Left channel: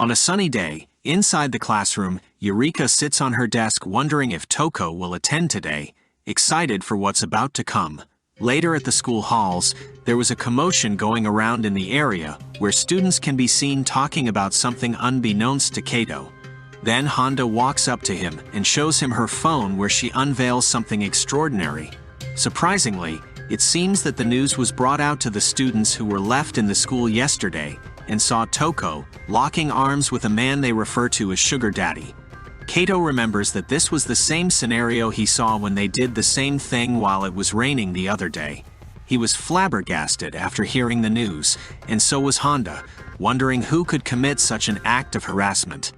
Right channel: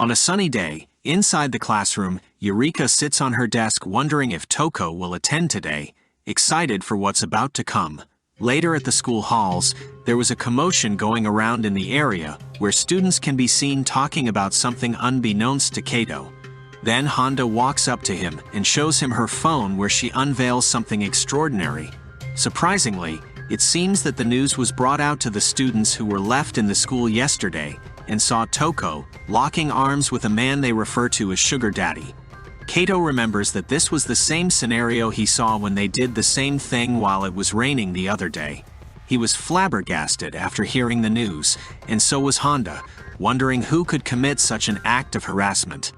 On a sunny day, inside the classroom, Eureka sits on her desk wondering if Toco will attend today, excited for what's about to come. Later at the school halls, there was a commotion going around in the area where students can be seen talking about something unbeknownst to Kato. Then Honda walks up to him and shows him her phone where she unveils something extraordinary. Surprisingly, it seems that the news was brought out to the students who were left in the school yesterday and saw Toco locking arms with a man they refer to as Sugar Daddy. Kato remembers that this was the same scenario he saw when they did the same thing while it was raining the other day. He was flabbergasted after hearing the news, and so was Honda, wondering who could commit such an act of harassment.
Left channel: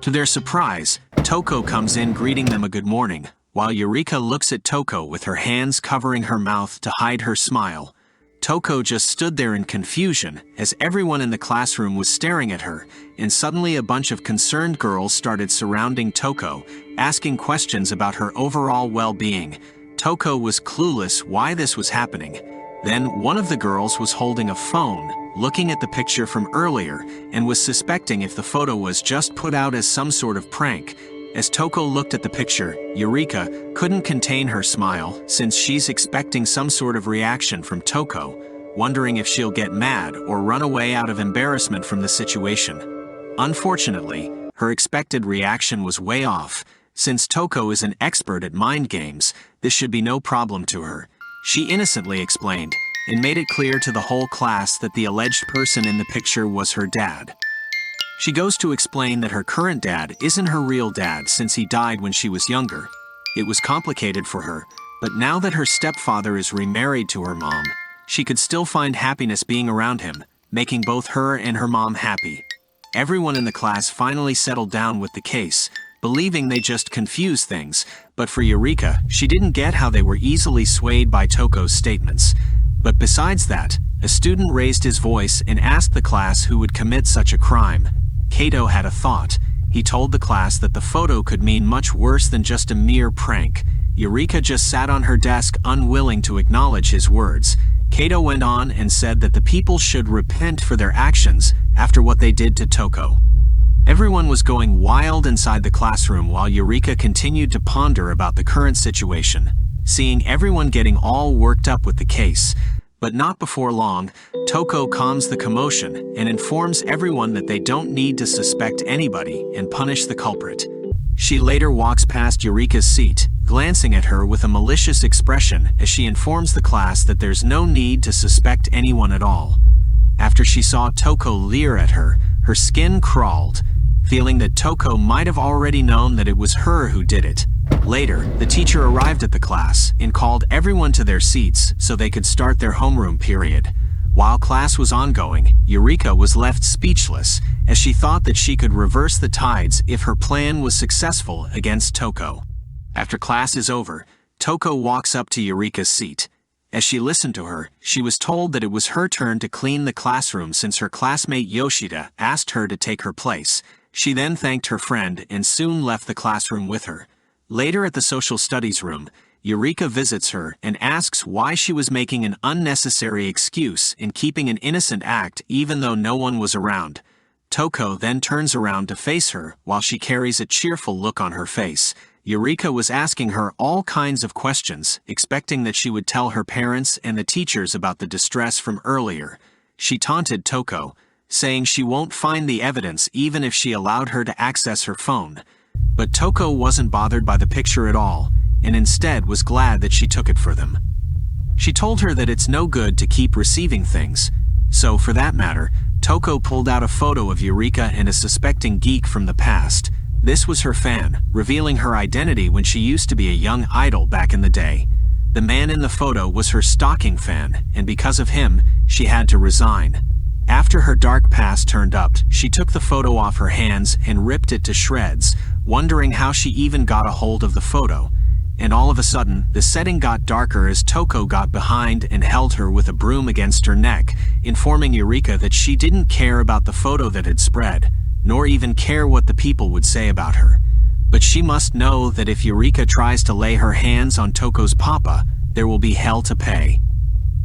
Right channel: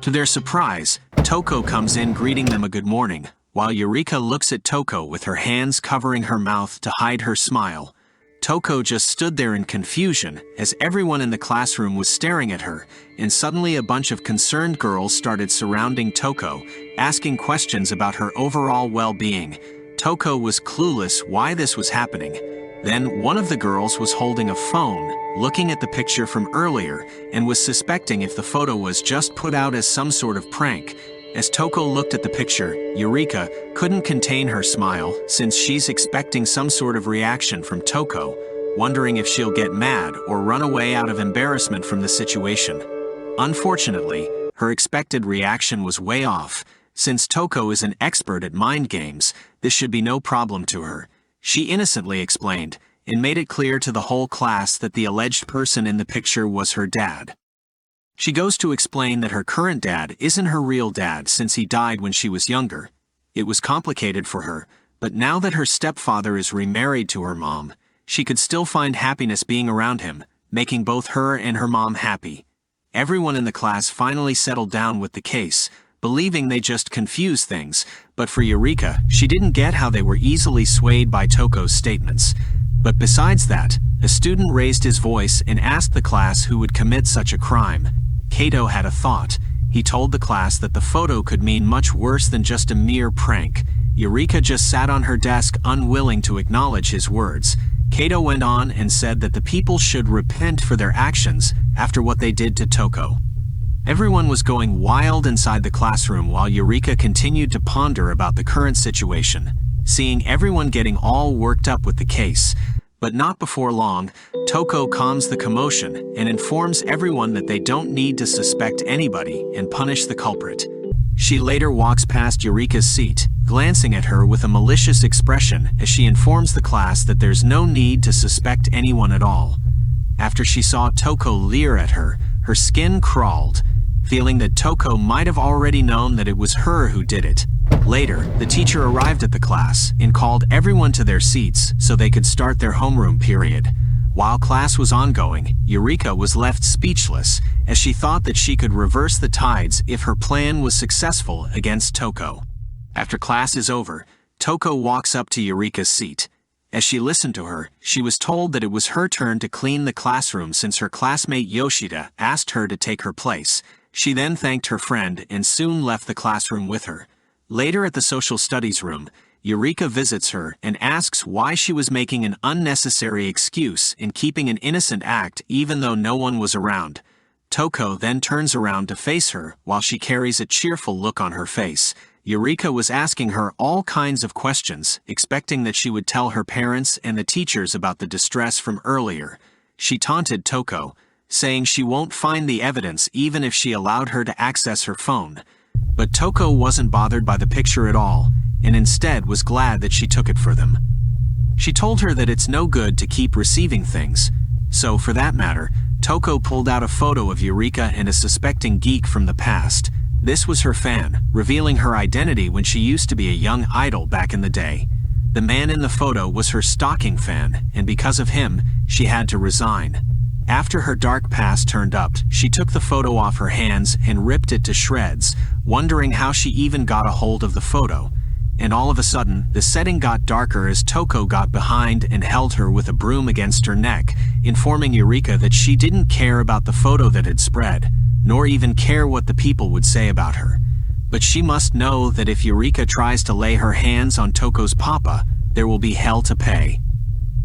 To their surprise, Toco comes in greeting them a good morning, while Eureka looks at Toco with her hands covering her mouth to hide her smile. Toco just stood there in confusion as everyone in the classroom was staring at her, and suddenly a bunch of concerned girls started surrounding Toco, asking questions about her overall well-being. Toco was clueless why this was happening. Then one of the girls was holding a phone, looking at the picture from earlier, and was suspecting if the photo was just put out as some sort of prank. As Toco looked at the picture, Eureka couldn't contain her smile since she's expecting some sort of reaction from Toco, wondering if she'll get mad or run away out of embarrassment from the situation. Unfortunately, her expected reaction was way off. Since Toco is an expert at mind games, this should be no problem to her. She innocently explained and made it clear to the whole class that the alleged person in the picture was her dad. She goes to explain that her current dad isn't her real dad since he died when she was younger. It was complicated for her, but now that her stepfather is remarried to her mom, she could still find happiness being around him, making both her and her mom happy. Everyone in the class finally settled down with the case, believing they just confused things, but for Eureka, she didn't get how they were easily swayed by Toco's statements. But besides that, a student raised his voice and asked the class who would commit such a crime. Kato had a thought. He told the class that the photo could mean much worse than just a mere prank. Eureka just sat on her desk unwilling to acknowledge his words. Kato went on and said that the people should repent for their actions after what they did to Toco. Everyone was going wild inside the classroom while Eureka continued to ponder about the current situation, seeing everyone getting all worked up with the case. But not before long, Toco calms the commotion and informs everyone that they don't need to suspect anybody and punish the culprit. She later walks past Eureka's seat, glancing at her with a malicious expression as she informs the class that there's no need to suspect anyone at all. After she saw Toco leer at her, her skin crawled, feeling that Toco might have already known that it was her who did it. Later, the teacher arrived at the class and called everyone to their seats so they could start their homeroom period. While class was ongoing, Eureka was left speechless as she thought that she could reverse the tides if her plan was successful against Toco. After class is over, Toco walks up to Eureka's seat. As she listened to her, she was told that it was her turn to clean the classroom since her classmate Yoshida asked her to take her place. She then thanked her friend and soon left the classroom with her. Later at the social studies room, Eureka visits her and asks why she was making an unnecessary excuse in keeping an innocent act even though no one was around. Toco then turns around to face her while she carries a cheerful look on her face. Eureka was asking her all kinds of questions, expecting that she would tell her parents and the teachers about the distress from earlier. She taunted Toco, saying she won't find the evidence even if she allowed her to access her phone. But Toco wasn't bothered by the picture at all, and instead was glad that she took it for them. She told her that it's no good to keep receiving things, so for that matter, Toco pulled out a photo of Eureka and a suspecting geek from the past. This was her fan, revealing her identity when she used to be a young idol back in the day. The man in the photo was her stalking fan, and because of him, she had to resign. After her dark past turned up, she took the photo off her hands and ripped it to shreds, wondering how she even got a hold of the photo. And all of a sudden, the setting got darker as Toco got behind and held her with a broom against her neck, informing Eureka that she didn't care about the photo that had spread, nor even care what the people would say about her. But she must know that if Eureka tries to lay her hands on Toco's papa, there will be hell to pay.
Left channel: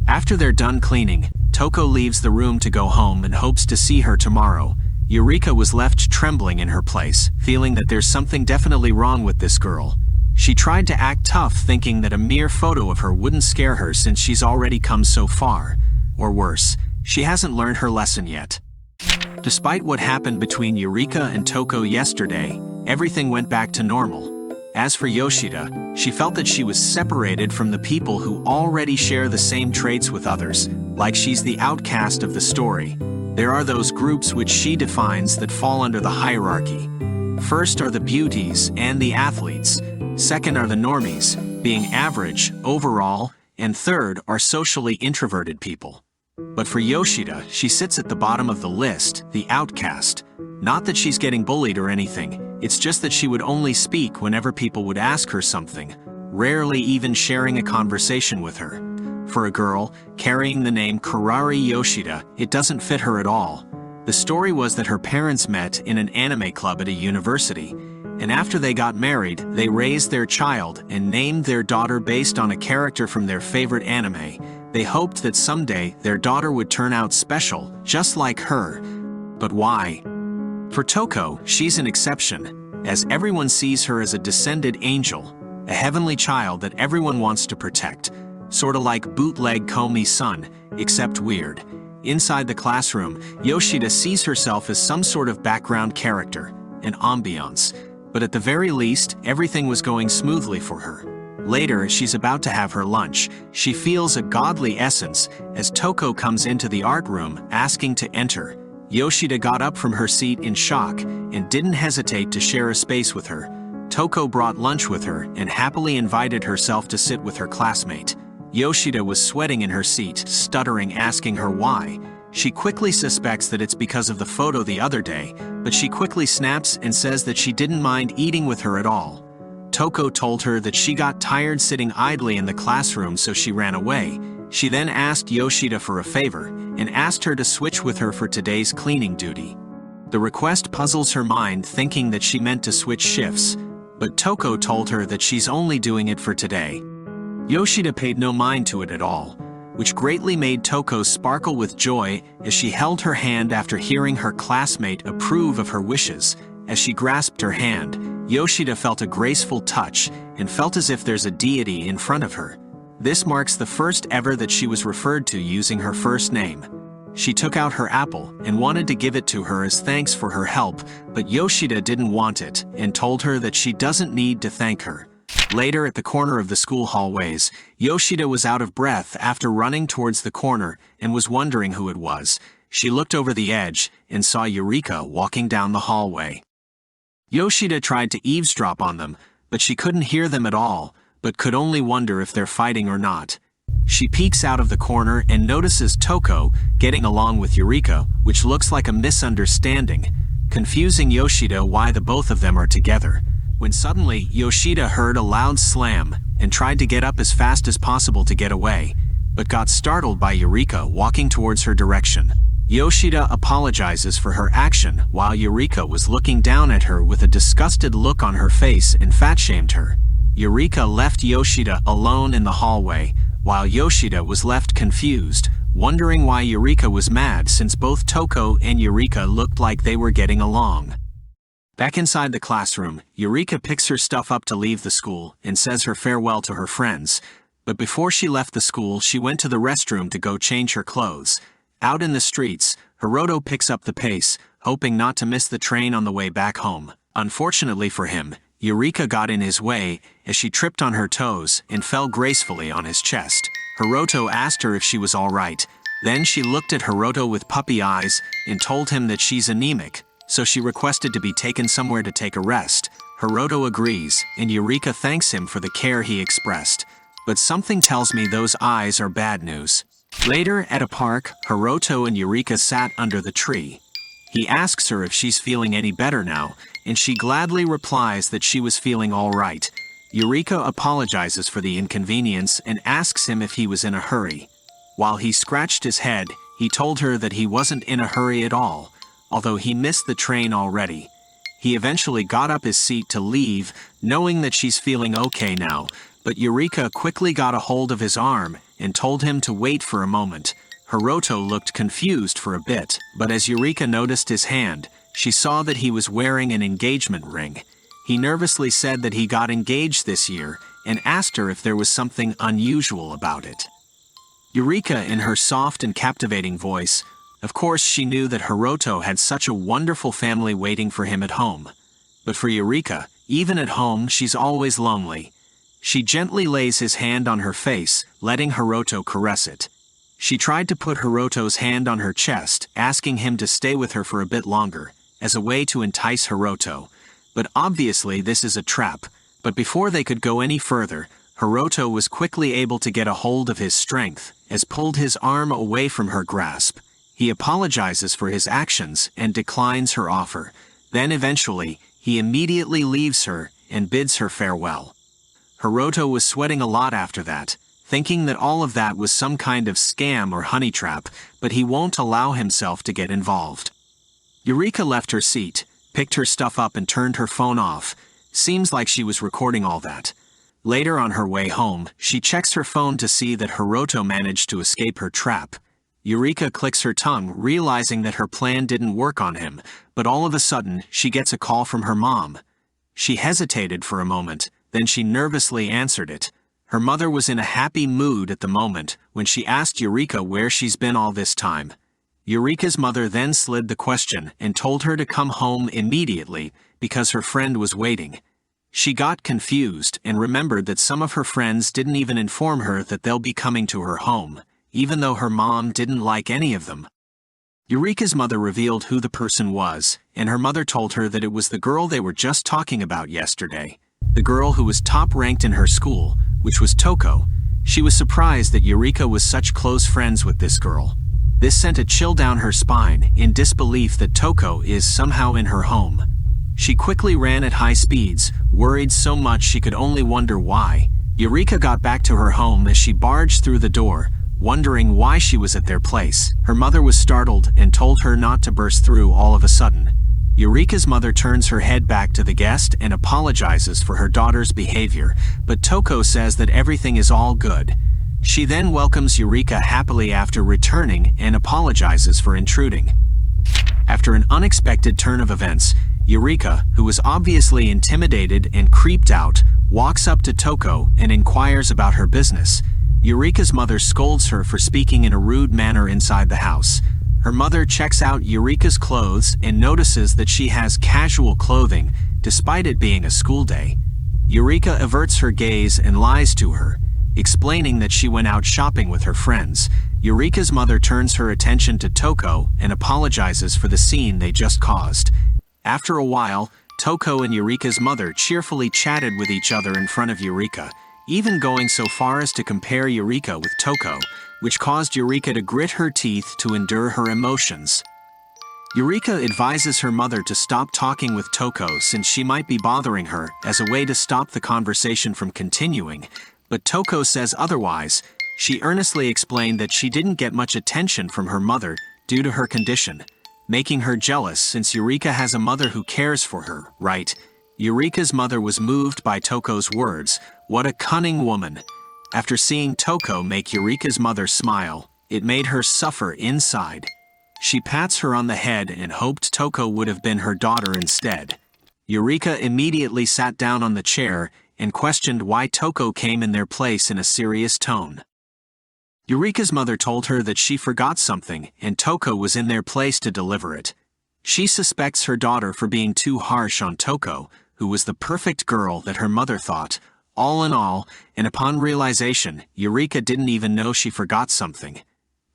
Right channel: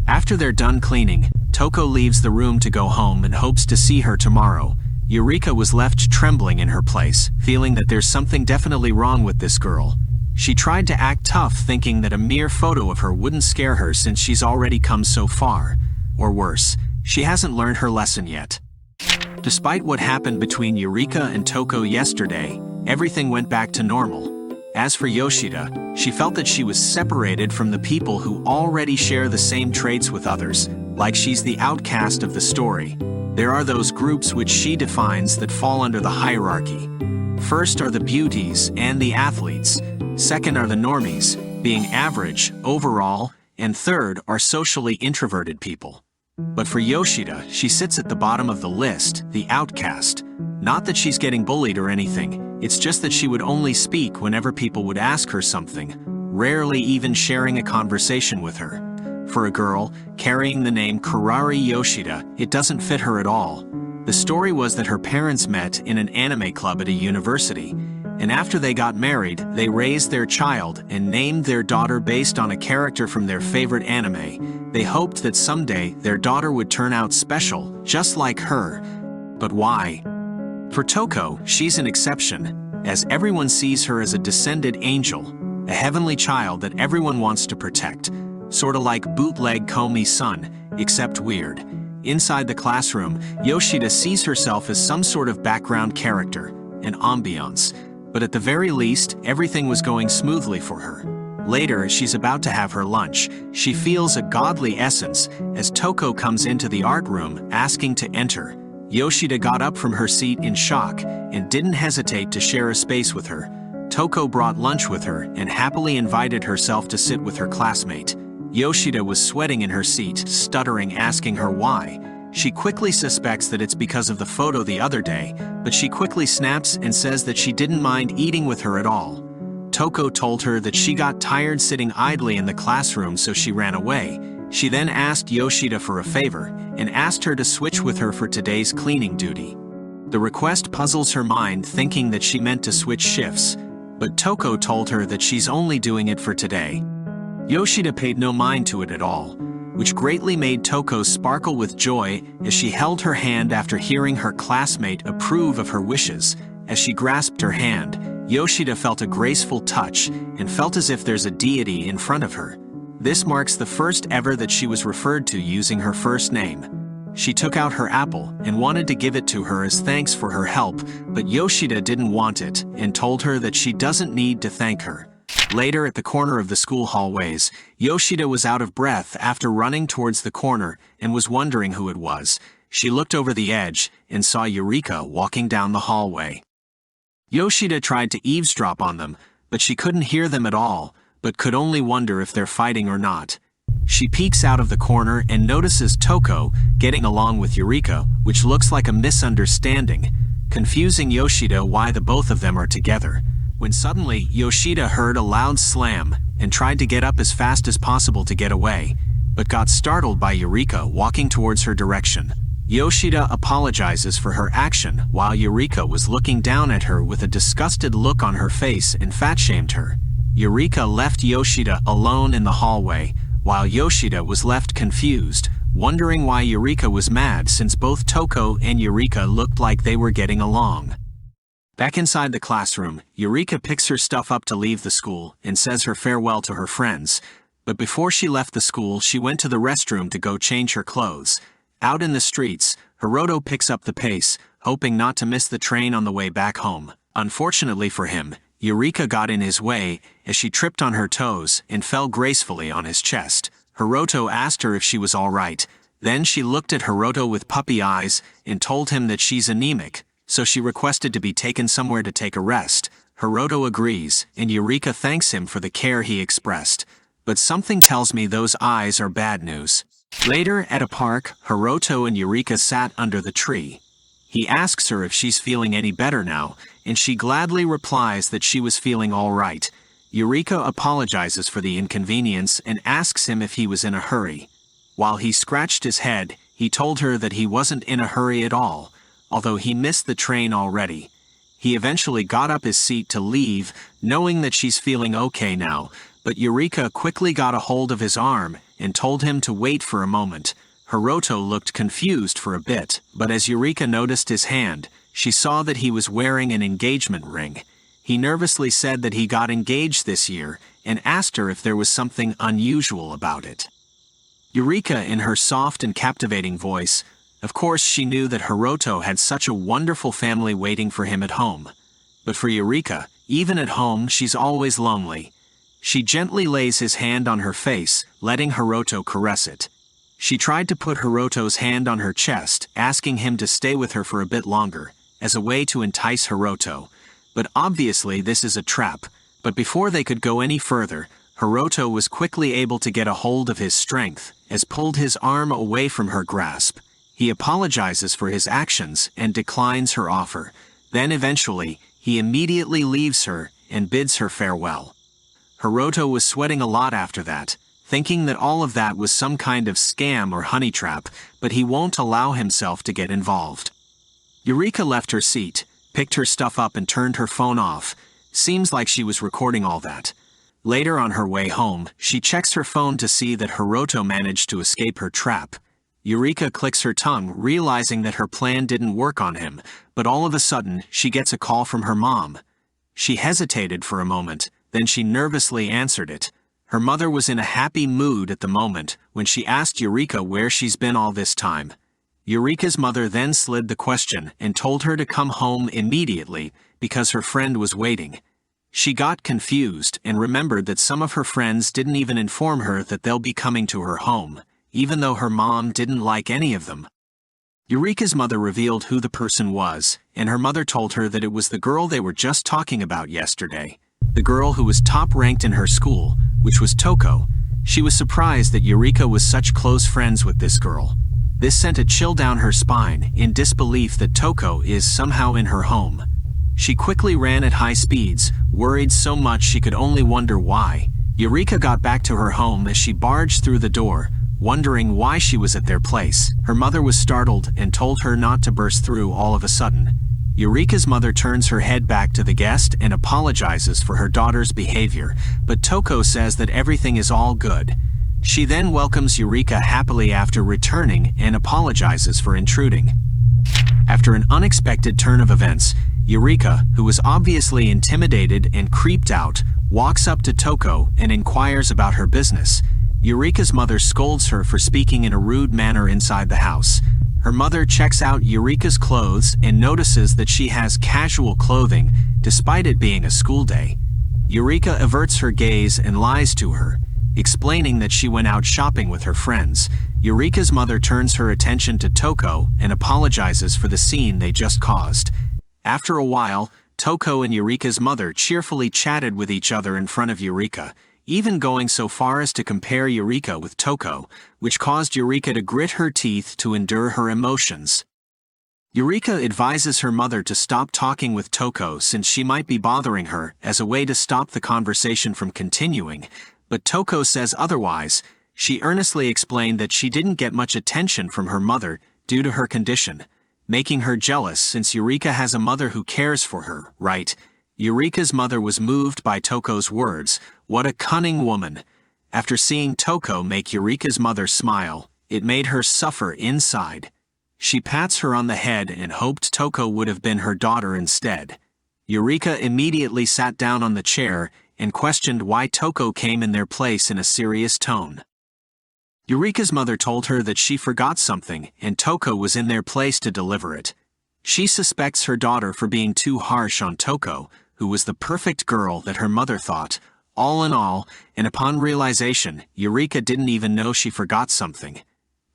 After they're done cleaning, Toco leaves the room to go home and hopes to see her tomorrow. Eureka was left trembling in her place, feeling that there's something definitely wrong with this girl. She tried to act tough, thinking that a mere photo of her wouldn't scare her since she's already come so far. Or worse, she hasn't learned her lesson yet. Despite what happened between Eureka and Toco yesterday, everything went back to normal. As for Yoshida, she felt that she was separated from the people who already share the same traits with others, like she's the outcast of the story. There are those groups which she defines that fall under the hierarchy. First are the beauties and the athletes. Second are the normies, being average, overall, and third are socially introverted people. But for Yoshida, she sits at the bottom of the list, the outcast. Not that she's getting bullied or anything, it's just that she would only speak whenever people would ask her something, rarely even sharing a conversation with her. For a girl, carrying the name Kurari Yoshida, it doesn't fit her at all. The story was that her parents met in an anime club at a university, and after they got married, they raised their child and named their daughter based on a character from their favorite anime. They hoped that someday their daughter would turn out special, just like her. But why? For Toco, she's an exception, as everyone sees her as a descended angel, a heavenly child that everyone wants to protect. Sorta like bootleg Komi's-san, except weird. Inside the classroom, Yoshida sees herself as some sort of background character, an ambiance. But at the very least, everything was going smoothly for her. Later, as she's about to have her lunch, she feels a godly essence as Toco comes into the art room asking to enter. Yoshida got up from her seat in shock and didn't hesitate to share a space with her. Toco brought lunch with her and happily invited herself to sit with her classmate. Yoshida was sweating in her seat, stuttering, asking her why. She quickly suspects that it's because of the photo the other day, but she quickly snaps and says that she didn't mind eating with her at all. Toco told her that she got tired sitting idly in the classroom, so she ran away. She then asked Yoshida for a favor and asked her to switch with her for today's cleaning duty. The request puzzles her mind, thinking that she meant to switch shifts, but Toco told her that she's only doing it for today. Yoshida paid no mind to it at all, which greatly made Toco sparkle with joy as she held her hand after hearing her classmate approve of her wishes. As she grasped her hand, Yoshida felt a graceful touch and felt as if there's a deity in front of her. This marks the first ever that she was referred to using her first name. She took out her apple and wanted to give it to her as thanks for her help, but Yoshida didn't want it and told her that she doesn't need to thank her. Later, at the corner of the school hallways, Yoshida was out of breath after running towards the corner and was wondering who it was. She looked over the edge and saw Eureka walking down the hallway. Yoshida tried to eavesdrop on them, but she couldn't hear them at all, but could only wonder if they're fighting or not. She peeks out of the corner and notices Toco getting along with Eureka, which looks like a misunderstanding, confusing Yoshida why the both of them are together. When suddenly, Yoshida heard a loud slam and tried to get up as fast as possible to get away, but got startled by Eureka walking towards her direction. Yoshida apologizes for her action while Eureka was looking down at her with a disgusted look on her face and fat-shamed her. Eureka left Yoshida alone in the hallway, while Yoshida was left confused, wondering why Eureka was mad since both Toco and Eureka looked like they were getting along. Back inside the classroom, Eureka picks her stuff up to leave the school and says her farewell to her friends. But before she left the school, she went to the restroom to go change her clothes. Out in the streets, Hiroto picks up the pace, hoping not to miss the train on the way back home. Unfortunately for him, Eureka got in his way as she tripped on her toes and fell gracefully on his chest. Hiroto asked her if she was all right. Then she looked at Hiroto with puppy eyes and told him that she's anemic, so she requested to be taken somewhere to take a rest. Hiroto agrees, and Eureka thanks him for the care he expressed. But something tells me those eyes are bad news. Later, at a park, Hiroto and Eureka sat under the tree. He asks her if she's feeling any better now, and she gladly replies that she was feeling all right. Eureka apologizes for the inconvenience and asks him if he was in a hurry. While he scratched his head, he told her that he wasn't in a hurry at all, although he missed the train already. He eventually got up his seat to leave, knowing that she's feeling okay now, but Eureka quickly got a hold of his arm and told him to wait for a moment. Hiroto looked confused for a bit, but as Eureka noticed his hand, She saw that he was wearing an engagement ring. He nervously said that he got engaged this year and asked her if there was something unusual about it. Eureka, in her soft and captivating voice, of course she knew that Hiroto had such a wonderful family waiting for him at home. But for Eureka, even at home she's always lonely. She gently lays his hand on her face, letting Hiroto caress it. She tried to put Hiroto's hand on her chest, asking him to stay with her for a bit longer, as a way to entice Hiroto. But obviously this is a trap. But before they could go any further, Hiroto was quickly able to get a hold of his strength, as pulled his arm away from her grasp. He apologizes for his actions and declines her offer. Then eventually, he immediately leaves her and bids her farewell. Hiroto was sweating a lot after that, thinking that all of that was some kind of scam or honey trap, but he won't allow himself to get involved. Eureka left her seat, picked her stuff up and turned her phone off. Seems like she was recording all that. Later on her way home, she checks her phone to see that Hiroto managed to escape her trap. Eureka clicks her tongue, realizing that her plan didn't work on him, but all of a sudden, she gets a call from her mom. She hesitated for a moment, then she nervously answered it. Her mother was in a happy mood at the moment when she asked Eureka where she's been all this time. Eureka's mother then slid the question and told her to come home immediately because her friend was waiting. She got confused and remembered that some of her friends didn't even inform her that they'll be coming to her home, even though her mom didn't like any of them. Eureka's mother revealed who the person was, and her mother told her that it was the girl they were just talking about yesterday. The girl who was top-ranked in her school, which was Toco. She was surprised that Eureka was such close friends with this girl. This sent a chill down her spine, in disbelief that Toco is somehow in her home. She quickly ran at high speeds, worried so much she could only wonder why. Eureka got back to her home as she barged through the door, wondering why she was at their place. Her mother was startled and told her not to burst through all of a sudden. Eureka's mother turns her head back to the guest and apologizes for her daughter's behavior, but Toco says that everything is all good. She then welcomes Eureka happily after returning and apologizes for intruding. After an unexpected turn of events, Eureka, who was obviously intimidated and creeped out, walks up to Toco and inquires about her business. Eureka's mother scolds her for speaking in a rude manner inside the house. Her mother checks out Eureka's clothes and notices that she has casual clothing, despite it being a school day. Eureka averts her gaze and lies to her, explaining that she went out shopping with her friends. Eureka's mother turns her attention to Toco and apologizes for the scene they just caused. After a while, Toco and Eureka's mother cheerfully chatted with each other in front of Eureka, even going so far as to compare Eureka with Toco, which caused Eureka to grit her teeth to endure her emotions. Eureka advises her mother to stop talking with Toco since she might be bothering her as a way to stop the conversation from continuing, but Toco says otherwise. She earnestly explained that she didn't get much attention from her mother due to her condition, making her jealous since Eureka has a mother who cares for her, right? Eureka's mother was moved by Toco's words. What a cunning woman. After seeing Toco make Eureka's mother smile, it made her suffer inside. She pats her on the head and hoped Toco would have been her daughter instead. Eureka immediately sat down on the chair and questioned why Toco came in their place in a serious tone. Eureka's mother told her that she forgot something and Toco was in their place to deliver it. She suspects her daughter for being too harsh on Toco, who was the perfect girl that her mother thought. All in all, and upon realization, Eureka didn't even know she forgot something.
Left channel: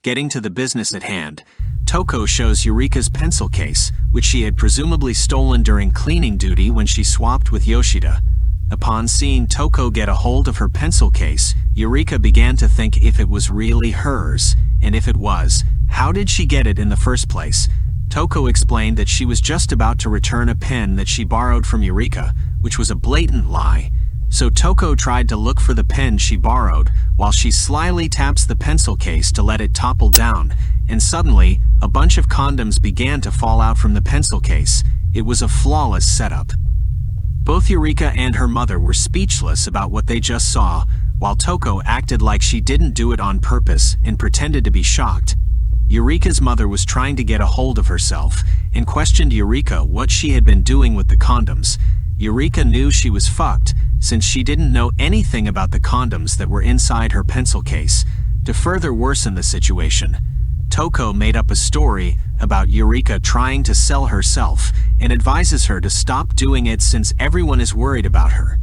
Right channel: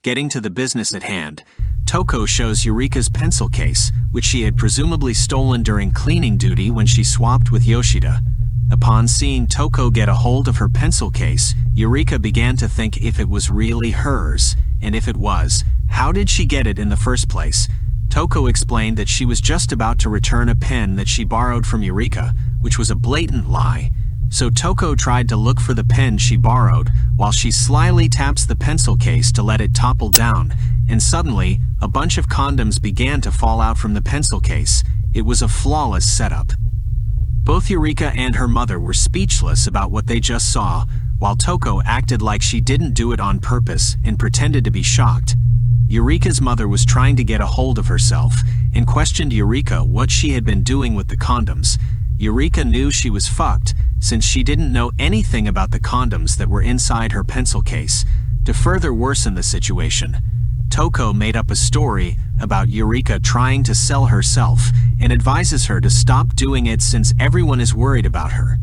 Getting to the business at hand, Toco shows Eureka's pencil case, which she had presumably stolen during cleaning duty when she swapped with Yoshida. Upon seeing Toco get a hold of her pencil case, Eureka began to think if it was really hers, and if it was, how did she get it in the first place? Toco explained that she was just about to return a pen that she borrowed from Eureka, which was a blatant lie. So Toco tried to look for the pen she borrowed, while she slyly taps the pencil case to let it topple down, and suddenly, a bunch of condoms began to fall out from the pencil case. It was a flawless setup. Both Eureka and her mother were speechless about what they just saw, while Toco acted like she didn't do it on purpose and pretended to be shocked. Eureka's mother was trying to get a hold of herself, and questioned Eureka what she had been doing with the condoms. Eureka knew she was fucked, since she didn't know anything about the condoms that were inside her pencil case. To further worsen the situation, Toco made up a story about Eureka trying to sell herself and advises her to stop doing it since everyone is worried about her.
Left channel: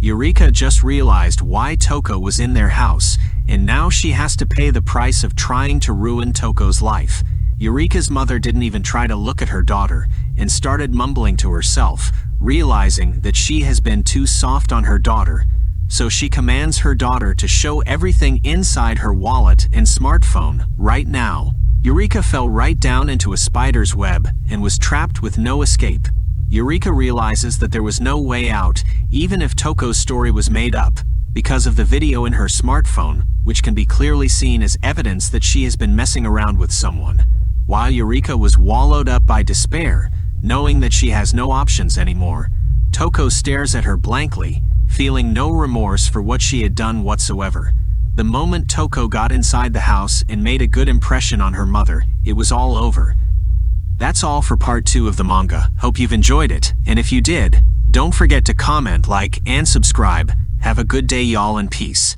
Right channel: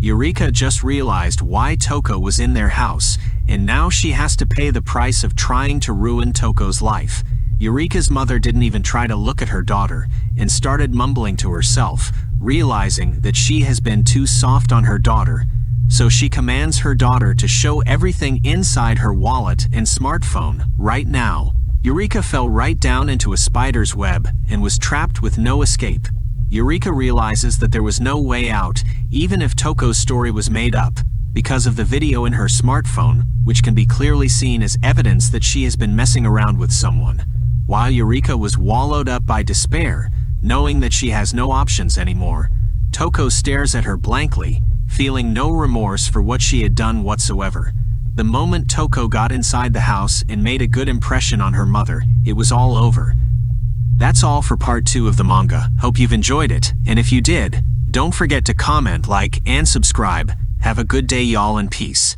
Eureka just realized why Toco was in their house, and now she has to pay the price of trying to ruin Toco's life. Eureka's mother didn't even try to look at her daughter and started mumbling to herself, realizing that she has been too soft on her daughter. So she commands her daughter to show everything inside her wallet and smartphone right now. Eureka fell right down into a spider's web and was trapped with no escape. Eureka realizes that there was no way out, even if Toco's story was made up, because of the video in her smartphone, which can be clearly seen as evidence that she has been messing around with someone. While Eureka was wallowed up by despair, knowing that she has no options anymore, Toco stares at her blankly, feeling no remorse for what she had done whatsoever. The moment Toco got inside the house and made a good impression on her mother, it was all over. That's all for part 2 of the manga. Hope you've enjoyed it, and if you did, don't forget to comment, like, and subscribe. Have a good day, y'all, and peace.